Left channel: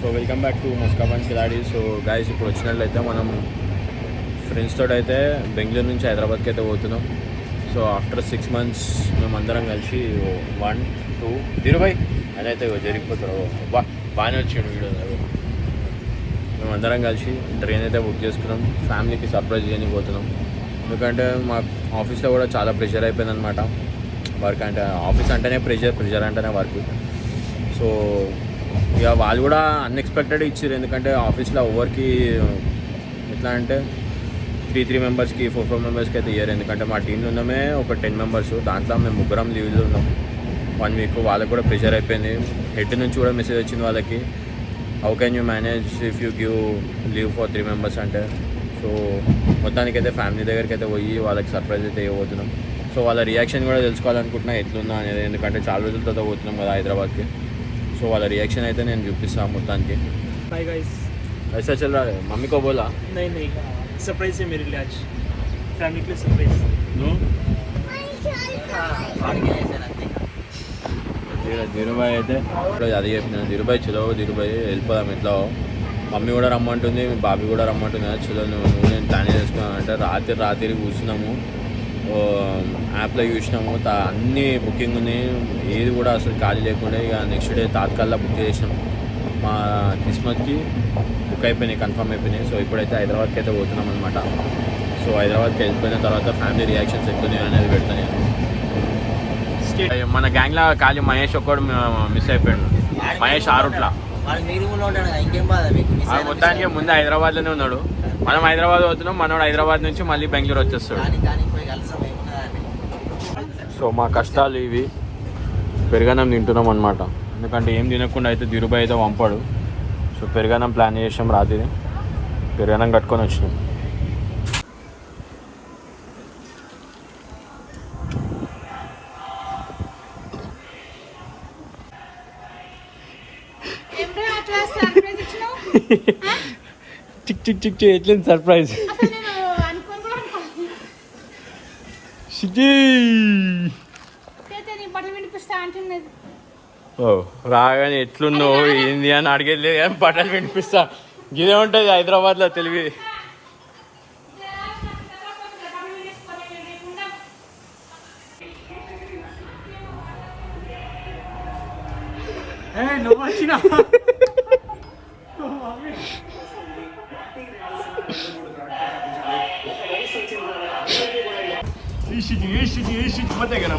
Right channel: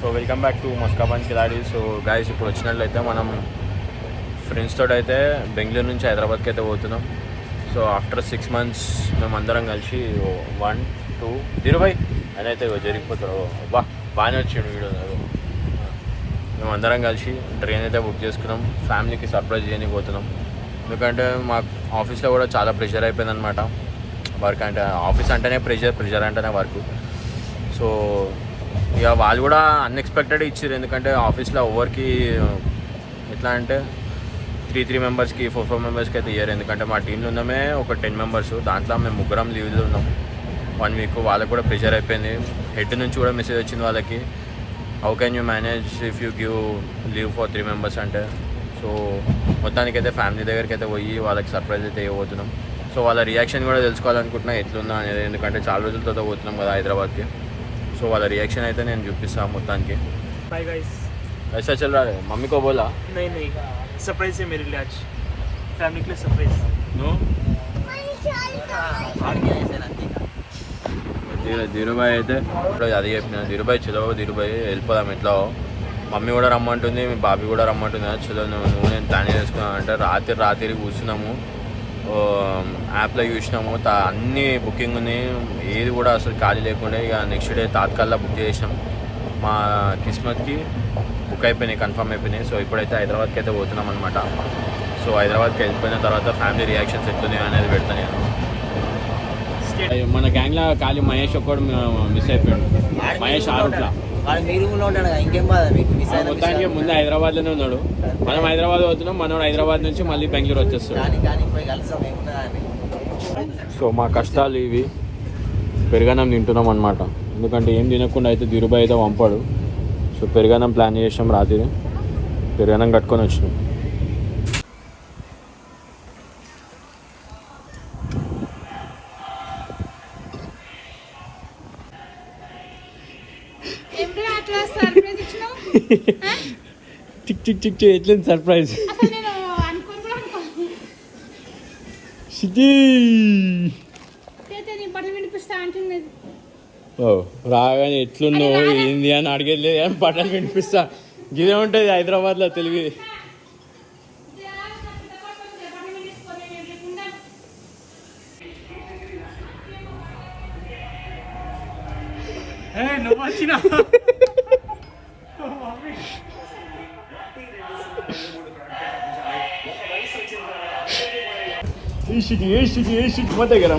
So welcome back to మస్కాబాన్ కిలాడి. So guys ఇప్పుడు వచ్చినట్లయితే మనం ఫ్రెండ్స్ తోటి అయితే బెంగళూరు నుంచి హైదరాబాద్కి అయితే పోతున్నాం. సో ఆఫ్టర్ 6 months మేమందరం కలిసి 1 2 ధీరుభాయ్ అని అయితే జరిగిపోతారు. బాగానే వచ్చాడు వీడియో. మేమందరం కలిసి ట్రైన్ అయితే బుక్ చేసుకున్నాం. ఫ్యామిలీకి సర్ప్రైజ్ చేయడానికి పోతున్నాం. ఎందుకంటే మా ఆఫీస్లో కూడా చాలా ప్రెషర్ అయిపోయింది అనమాట. వర్క్ అంటే ఆఫీస్ అంటేనే ప్రెషర్ అంటేనే వర్క్. సో ఇక వాళ్ళు కూడా అన్ఎక్స్పెక్టెడ్ ఇచ్చారు. ఎందుకంటే ఆఫీస్లో ఎవరికి ఎట్లా అంటే 3 మెంబర్స్కి 4 మెంబర్స్కి అయితే ఇయ్యారు. ఎందుకంటే మా టీంలో ఉన్నామే ఒక 10 members. దాంట్లో మేము 3 లీవ్లో ఉన్నాం 1 week. వాళ్ళకి కూడా ప్రెషర్ అయిపోయింది. హెడ్ నుంచి కూడా మెసేజ్ వచ్చింది వాళ్ళకి, how can you manage if you give leave for 3 members అంటే. సో మొత్తానికైతే ఫ్యామిలీ దగ్గరికి అయితే పోయి వాళ్ళకి సర్ప్రైజ్ అయితే ఇవ్వబోతున్నాం. సో వాళ్ళ రియాక్షన్ కూడా తెలుసుకోవాలనుకుంటున్నా ఎట్లుందా అనేది. ఎందుకంటే చాలా రోజుల తర్వాత పోతున్నాం కదా హైదరాబాద్కి. సో వాళ్ళ रिएक्शन అయితే నేను చూపిస్తాను మొత్తానికి. बाय गाइस, ऐसा चल रहा है? मम्मी को बोला? नहीं सरप्राइज है मेरे लिए आज, फैमिली के लिए सरप्राइज. ధీరుభాయ్ అయితే ఇప్పుడు అది చెప్పిన, ధీరుభాయ్ చలో ధీరుభాయ్ వెళ్ళిపోదాం ఎట్లా. మమ్మీ కూడా రమ్మంటుంది, మీ బాబీ కూడా రమ్మంటుంది. చలో నువ్వు నేను ప్లాన్ చేసుకున్నాను అంటే రాత్రి కూర్చున్నాము, యాప్లో చూసినాము, అన్నీ బుకింగ్ ఉన్నాయి, ఏది కూడా అసలు ఖాళీ లేకుండా ఇక నెక్స్ట్ డే తాత్కాల్లో బుక్ చేసాం. మా కిస్మత్కి బుక్ అయిపోయినాయి, కన్ఫర్మ్ అయిపోయినాయి. సో ఇప్పుడైతే హైదరాబాద్కి అయితే పోతున్నాం అనమాట. సో హైదరాబాద్కి వెళ్ళిపోయిన తర్వాత ఫ్యామిలీ రియాక్షన్స్ ఎట్లున్నాయి అనేది పెడతాను. మన గ్యాంగ్లో ఖాళీ మహేష్ ఒక్కడు మిస్ అయిపోయాడు. మహేష్ ఆరుట్లా మొత్తానికి ముందు హైదరాబాద్లోనే ఉన్నాడు. మనం హైదరాబాద్ పోతున్నాం, మనోడు హైదరాబాద్ నుంచి మళ్ళీ బెంగళూరు వచ్చేస్తాడు. సో మా కష్టాలు ఇవి. పెరుగన్నం తింటున్నాం అనమాట. ఎందుకంటే ఏం తినకుండా అయితే ధీరుభాయ్ అయితే పంపాడు. సో పెరుగన్నం ప్లాన్ చేసాం, రాత్రి పెరుగన్నం కట్టుకొని వచ్చినాం. చిక్ చిక్ చిక్ ఎట్లేదు సర్ప్రైజ్. రాగానే ఎట్లున్నావు ఏంది అని అడిగేది, ఏం బట్టలు వినిపిస్తా. గిదే ఉంటుంది హైదరాబాద్లో తెలివి. నువ్వు వచ్చినా ఏ షిట్ మొదగర